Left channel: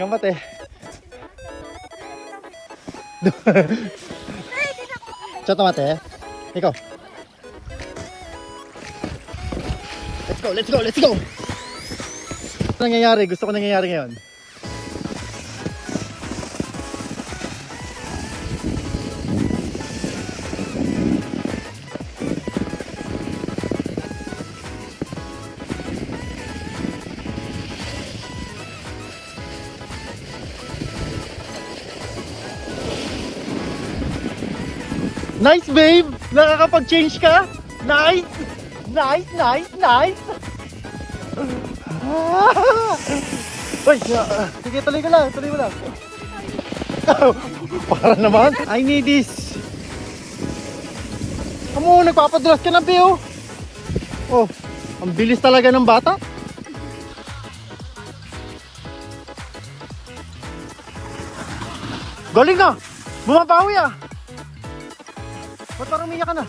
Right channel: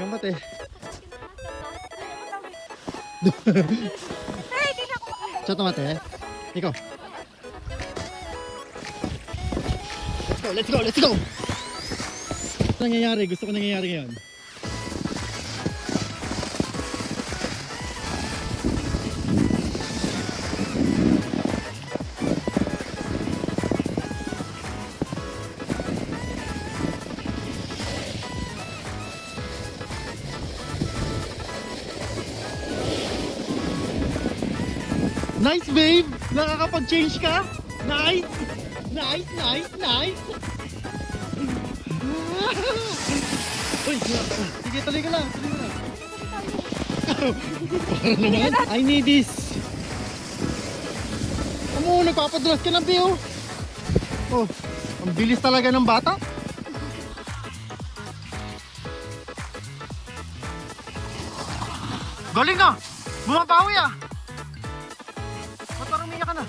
Yung mate. Sa tomate. Ikaw. Let's go, let's go, let's go. Ano nangyayari? Gusto ko nangyayari ngayon. Nice, babe! Nakakapag-change ka? Nice! Nice, nice, nice! Uy, sige, tuloy ko lang, tuloy ko lang. Para naman, I need this. Amo, nagpapadulas ka ng Pio. Oh, ang bilis talaga ng bata. Galing ka! Bumabawi ah! Ba't parang umiyak ka na?